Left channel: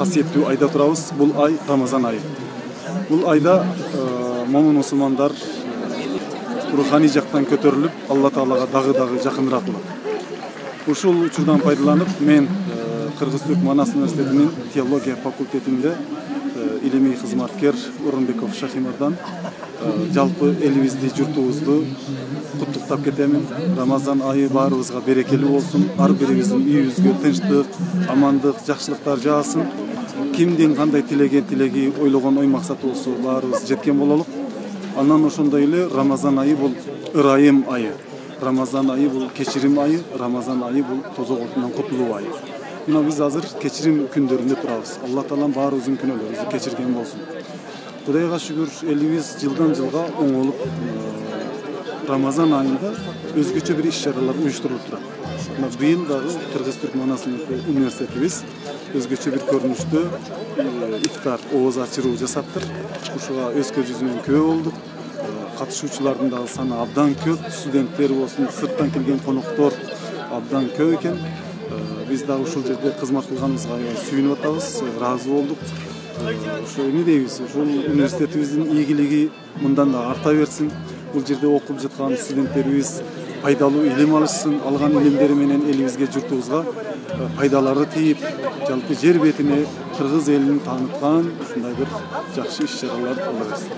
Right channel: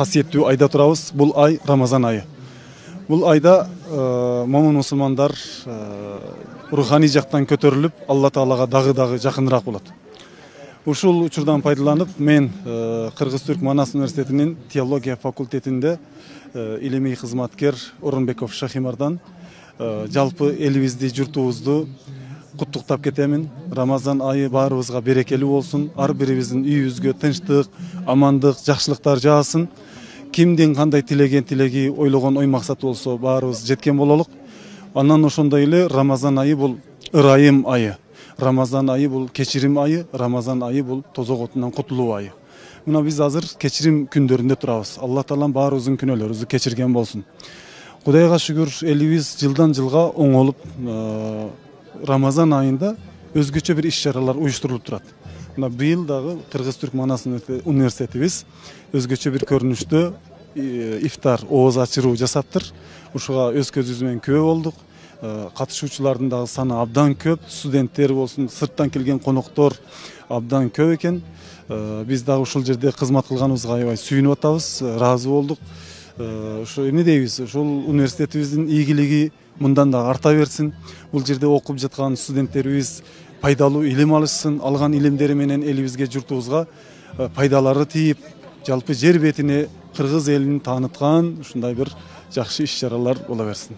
касиеттүү айда турабыз. Бул ай Рамазан айы. Бул айда момун мусулмандар руханий жактан көтөрүлүп, Алла Таалага дагы жакыныраак болот. Ушул учурдан пайдаланып, мен Кыргыз-Түрк Манас университетинин теология факультетинде илимий кызматкер Орунбеков Шахимардан жалпы элибизди, журтубузду куттуктап кетемин. Рамазан айы баарыбызга берекелүү болсун, ар бирибиздин үйүбүзгө тынчтык, амандык, жакшылыктар жаасын. Кимдин кандай тилеген тилеги, ойлогон ой максаты болсо баарыбыз жеткен бололук. Анан ошондой эле Рамазан айы бул ырайым айы. Рамазан айы бул кечирим айы, Рамазан айы бул тозок отунан кутулуу айы. Мына биз азыр кечирим күндөрүндө турабыз. Алла Таалам баарыбыздын күнөөлөрүбүздү кечирген болсун. Кудайга шүгүр, элибиз жылдан жылга оңолуп, Рамазан айында өзгөчө бир иш-чаралар уюштурулуп турат. Мына быйыл дагы Кыргыз-Түрк Манас университетибиз өзгөчө бир көрүнүштө ифтар, ооз ачыруу жасаптыр. Ушуга өз көзүбүз менен күбө болдук. Катышуучулардын дагы саны абдан көп, студенттер болсун, сырттан келген коноктор абдан көп экен. Биз дагы ушул жерде кызмат кылганыбызга аябай сүйүнүп атабыз, ыраазы болдук. Ошо эмне дейбиз? Ушул университетибиздин ийгилиги мындан да арта берсин. Бул жерде окуп жаткан студенттерибиз пайдалуу илим алышсын, алган илимдери менен элибизге, журтубузга пайдалары тийип, жалпы жер бетине кыргыз элин тааныткан ушундай бир жакшы иш-чаралар боло берсин.